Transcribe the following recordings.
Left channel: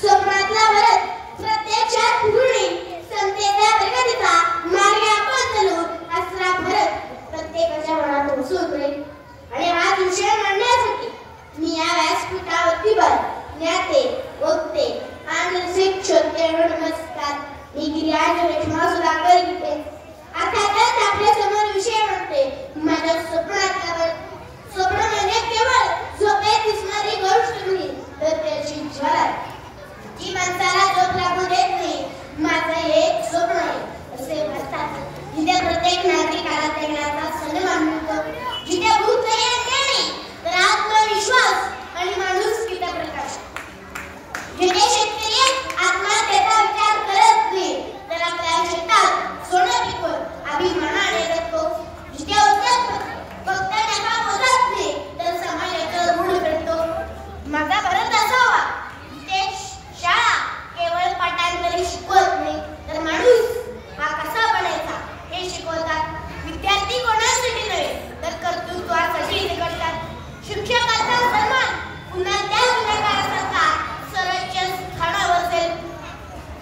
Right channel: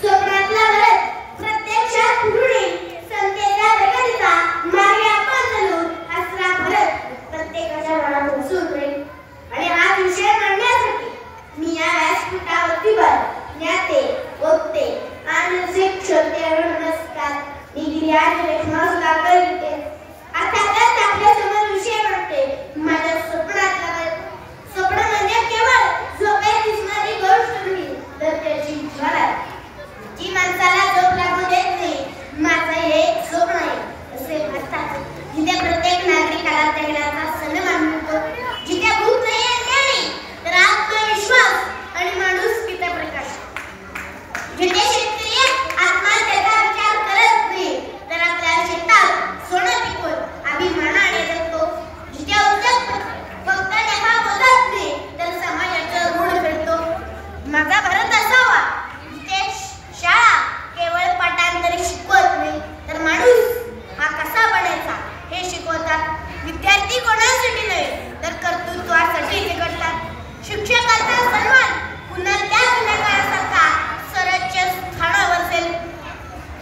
स्वप्नातला भारत प्रत्यक्षात होईल. समतेचा प्रगतीचा मागे आपण चालू असला भारत प्रत्येकाच्या मनातून सुरेल. आणि हा विषय मांडण्यासाठी मी या व्यासपीठावरती ज्ञाते, वक्ते आणि रसिक श्रोत्यांना नमस्कार. मी गिरिराज रेखमा सुधाकर घेते. अर्थातच आपल्या समोर विषय मांडते माझ्या स्वप्नातला भारत. स्वप्न म्हणजे केवळ झोपेत दिसणारी गोष्ट नाही, तर त्याची ज्वाला जी माणसाला झोप लागू देत नाही. माझं हे एक स्वप्न आहे असे म्हणतात. जिथे प्रत्येक नागरिकाला जगण्याचा सन्मान मिळतो, जिथे भूत नाही अन्याय नाही, तर आत्मविश्वास आणि माणुसकीचा प्रकाश. जिथे शेतकरी आत्महत्येचा विचार करत नाही, तर आपल्या शेतात सोनं पिकवून अभिमानाने जगतो. जिथे उद्योग फक्त नफा मोजत नाही, तर समाजाचं ऋण फेडतो. माझा भारत असावा जिथे शाळा केवळ पाठांतरी शिकवत नाही, तर माणूस हा कसा बनायचा हे शिकवतात. विद्यार्थी कोणासाठी नव्हे, तर कर्तृत्वासाठी ते करतात. शिक्षकाचा सन्मान पुन्हा त्या जुन्या काळासारखा सर्वोच्च स्थानावर असेल.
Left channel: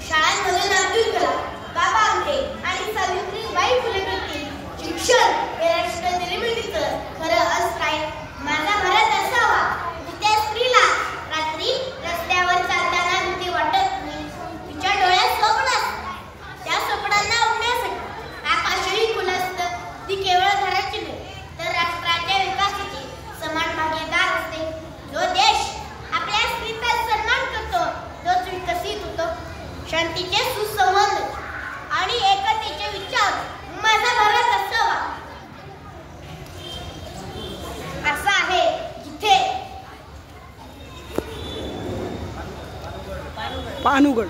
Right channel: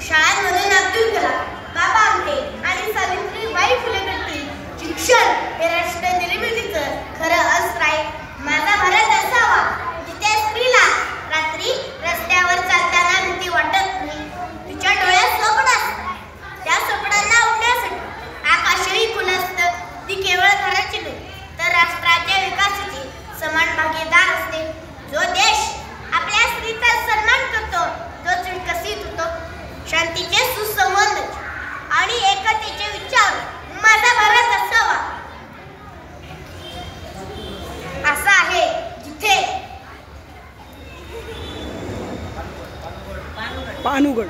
शाळांमधून अब्दुल कलाम, बाबा आमटे आणि सावित्रीबाई फुले करतील शिक्षण हे राष्ट्र निर्मितीचं खरं अस्त्र आहे. माझा भारत असावा जिथे स्त्रीला रात्री रस्त्यावर चालताना भीती वाटत नाही. तिच्या डोळ्यात स्वप्न असतं, त्या स्वप्नांना उडण्यासाठी आकाशही खुलं असतं. ती केवळ घराची नाही, तर राष्ट्राच्या विकासाची समान भागीदार असते. जो देश आपल्या स्त्रीचा सन्मान करतो तोच विकसित होतो. शांतीचे सुसंवाद आणि एकतेचे विचार माझा भारत असावा असा आहे जिथे पानुगड